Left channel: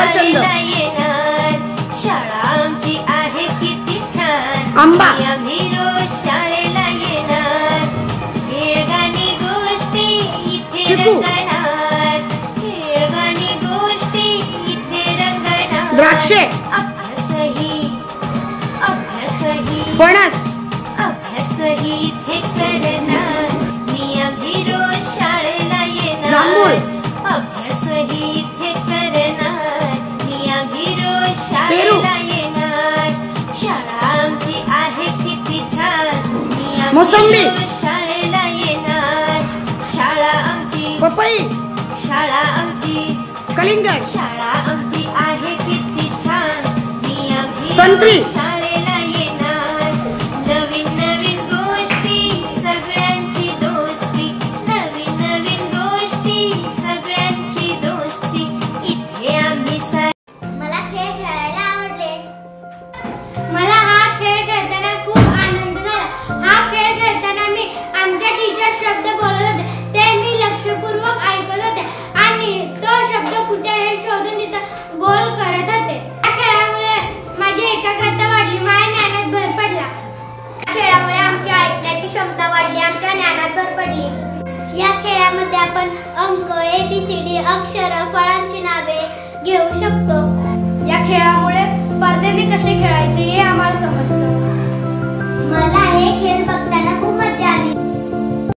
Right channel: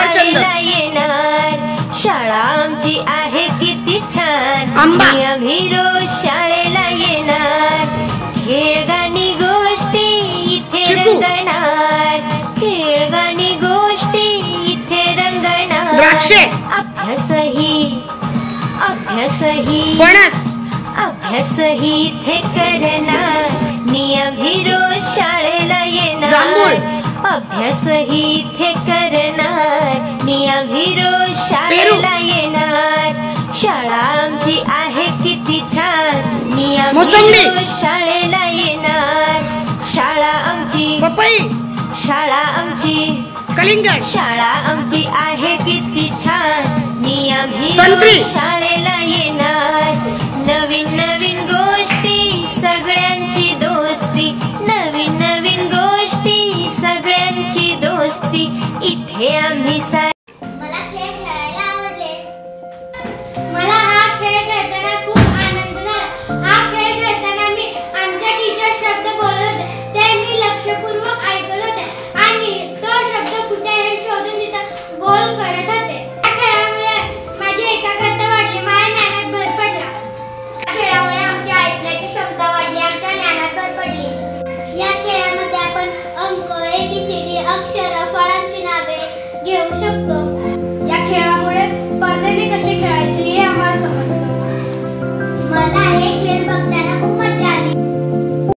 सफरचंद, शाळा आमची आहे किती छान, आंबा, आम्ही रोज शाळेला येणार, खेळ गाणी गोष्टी इथे रंगणार, खेळ गाणी गोष्टी इथे रंगणार, द्राक्षे, अभ्यासही फणस, अभ्यासही इथे करणार, आम्ही रोज शाळेला येणार, जांभूळ, अभ्यासही इथे करणार, आम्ही रोज शाळेला येणार, शाळा आमची आहे किती छान, मोसंबी, शाळेला येणार, शाळा आमची पपई, शाळा आमची कलिंगड, शाळा आमची आहे किती छान, आम्ही संत्री, शाळेला येणार, नवीन नवीन गोष्टी सगळ्यांची दोस्ती, नवीन नवीन गोष्टी सगळ्यांची दोस्ती इथे आम्ही मला खेळ खेळायला आवडले. मला हा खेळ खेळताना खूप आनंद झाला. हा खेळ खेळताना मी आमच्या टीचर शब्द बोलत होते, ते मी लक्षपूर्वक ऐकत होते आणि तो शब्द कुठे आहे शोधून तिथं गोल करत होते. या खेळामुळे माझी एकाग्रता वाढली, माझ्या ज्ञानात भर पडला. या खेळामुळे आमची ऐकण्याची क्षमता वाढली, आमच्या ज्ञानात भर पडली. या खेळामध्ये आपण अंक, ABCD, अक्षर, फळांची नावे घेऊ शकतो. या खेळामुळे स्पर्धेने कसे खेळायचे हे आम्हाला समजतं. मला